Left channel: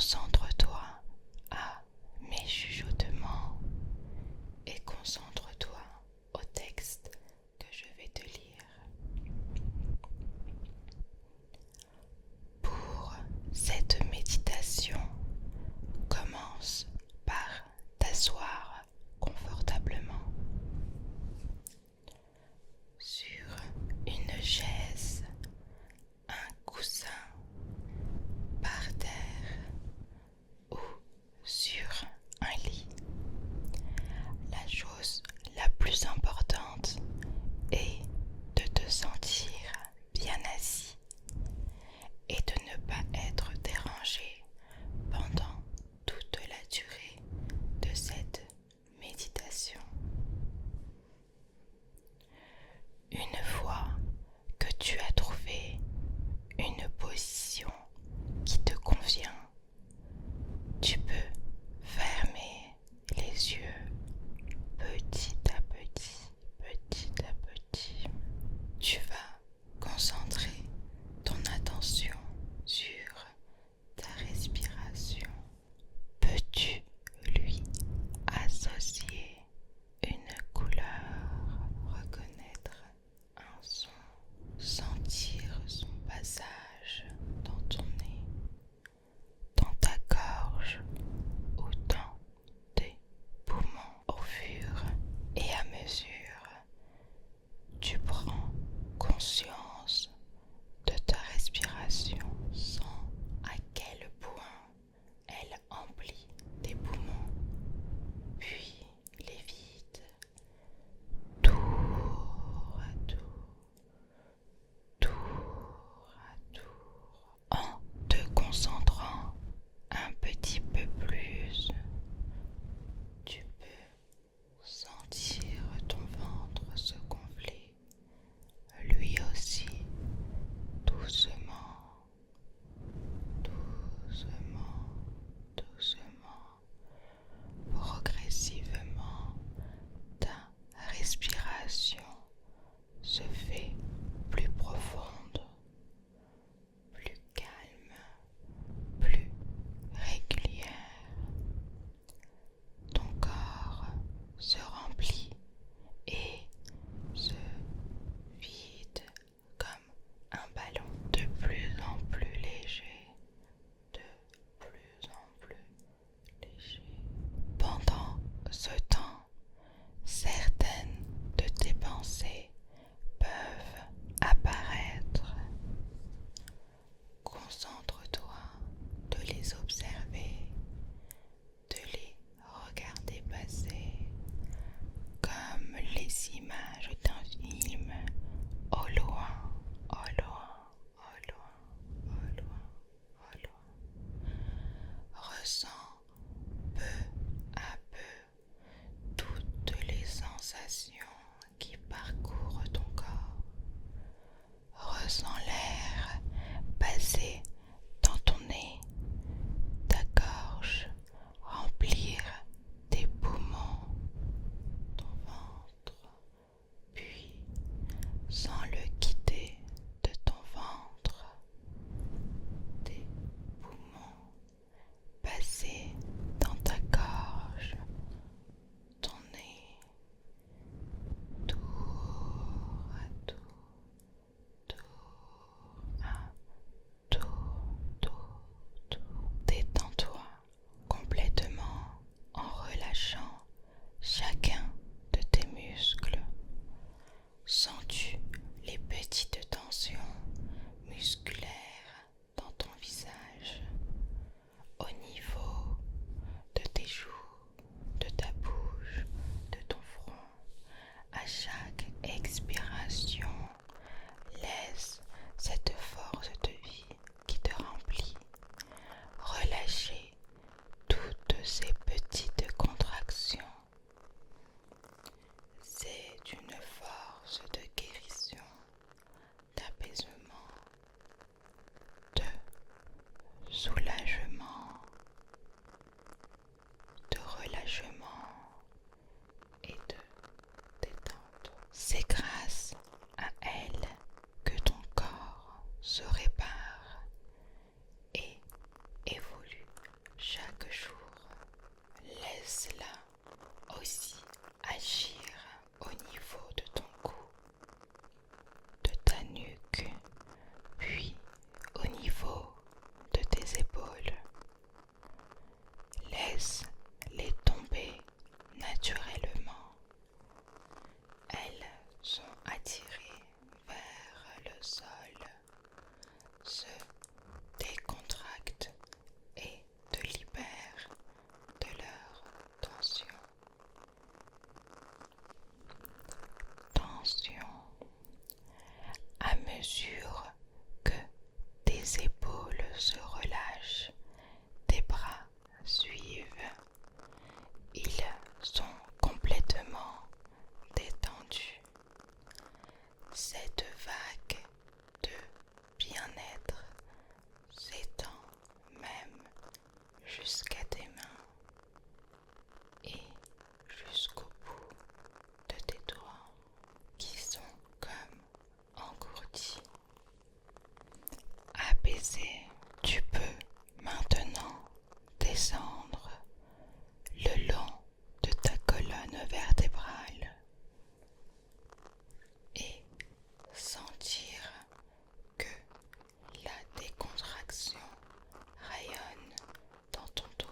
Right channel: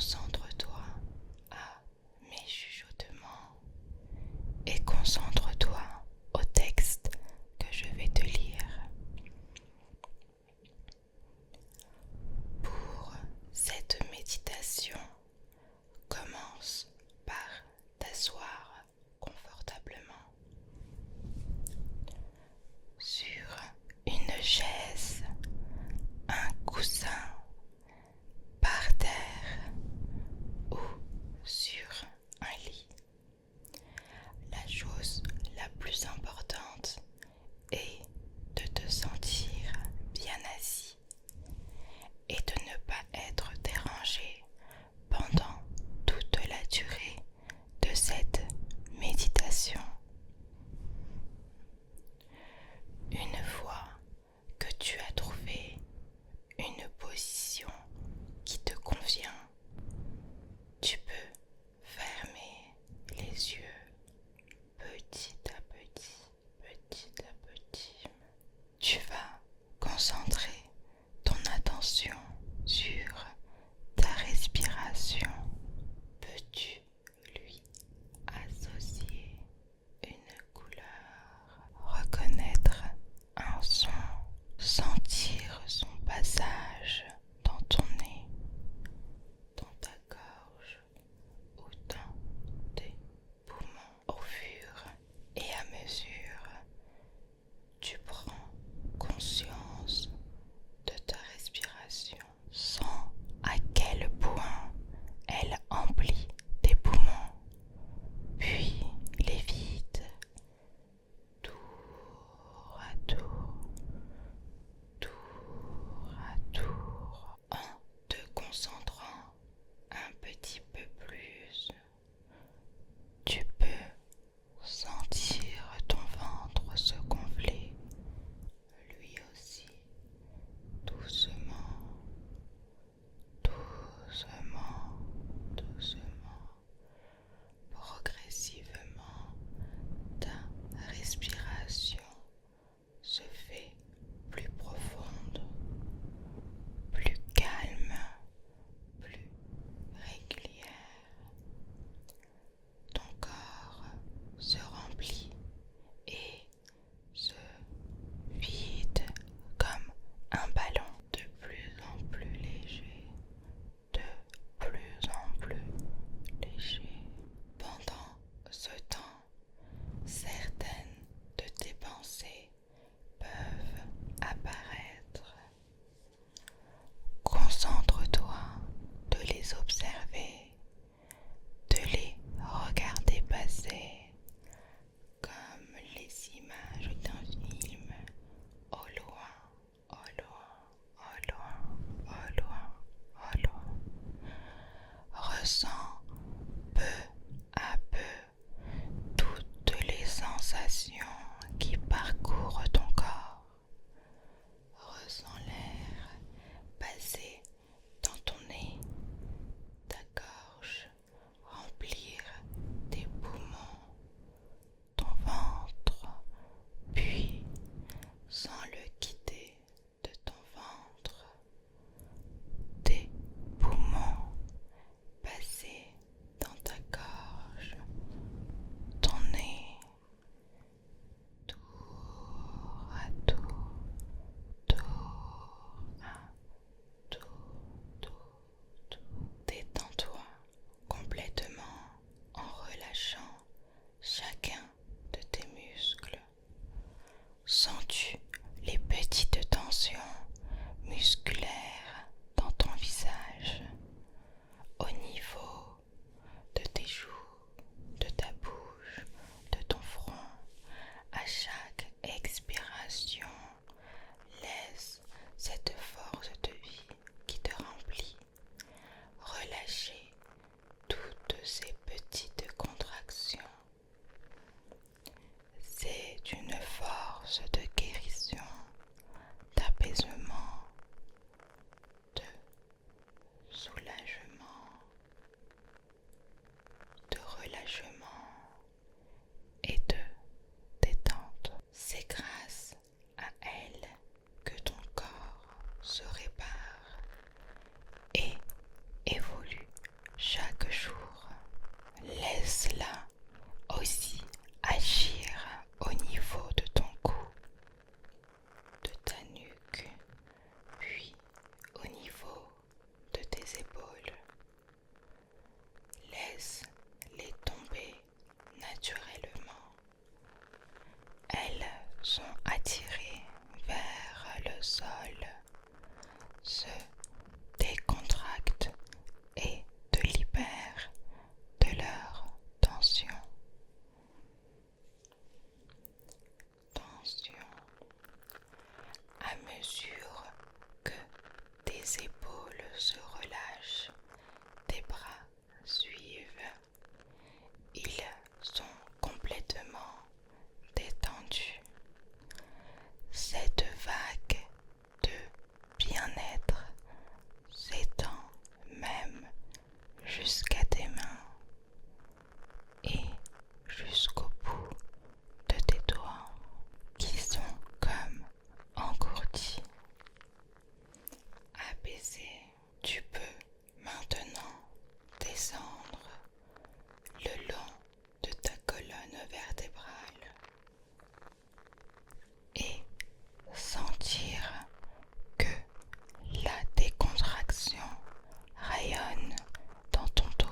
Concentre-toi à mes chuchotements et concentre-toi au texte que je vais te lire. Pour cette méditation, commence par t'asseoir confortablement sur une chaise, un coussin, par terre chaque jour. Laisse-la aussi agir au niveau de ton cou, de ta nuque, puis au niveau de tes épaules. Laisse-les tomber naturellement. Elles sont attirées vers le sol, se décontractent et te libèrent de leur tension. Tension. À mesure que tes épaules se relâchent, tes bras suivent. Ils sont complètement détendus. Cette vague de bien-être s'étend même jusqu'à tes mains et jusqu'au bout de tes doigts qui sont comme engourdis. Apaisé, tu peux maintenant descendre le long de ta colonne vertébrale et sentir que la décontraction rayonne dans ton dos.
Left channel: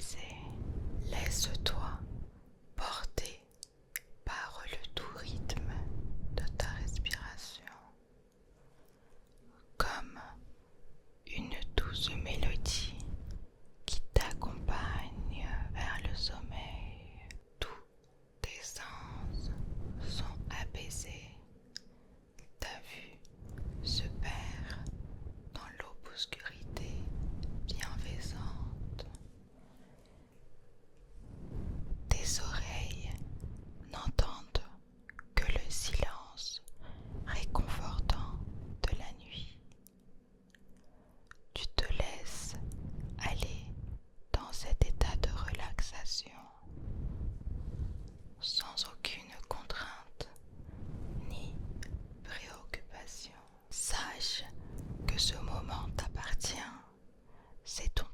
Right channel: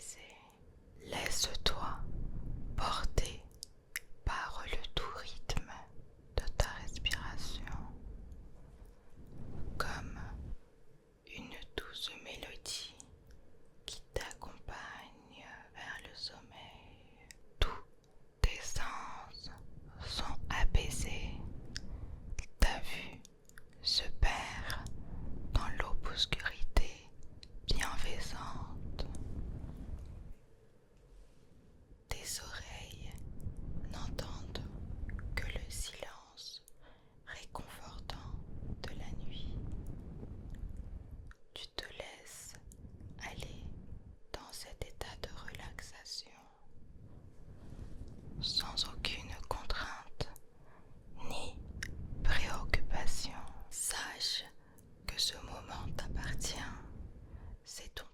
t'apaiser. Laisse-toi porter par le doux rythme de ta respiration, comme une douce mélodie qui t'accompagne vers le sommeil. Tous tes sens sont apaisés, ta vue se perd dans l'obscurité bienfaisante. Tes oreilles n'entendent que le silence réconfortant de la nuit. Tu te laisses aller dans cet état de relaxation sans aucune contrainte ni préoccupation. Sache que ce moment t'appartient, c'est ton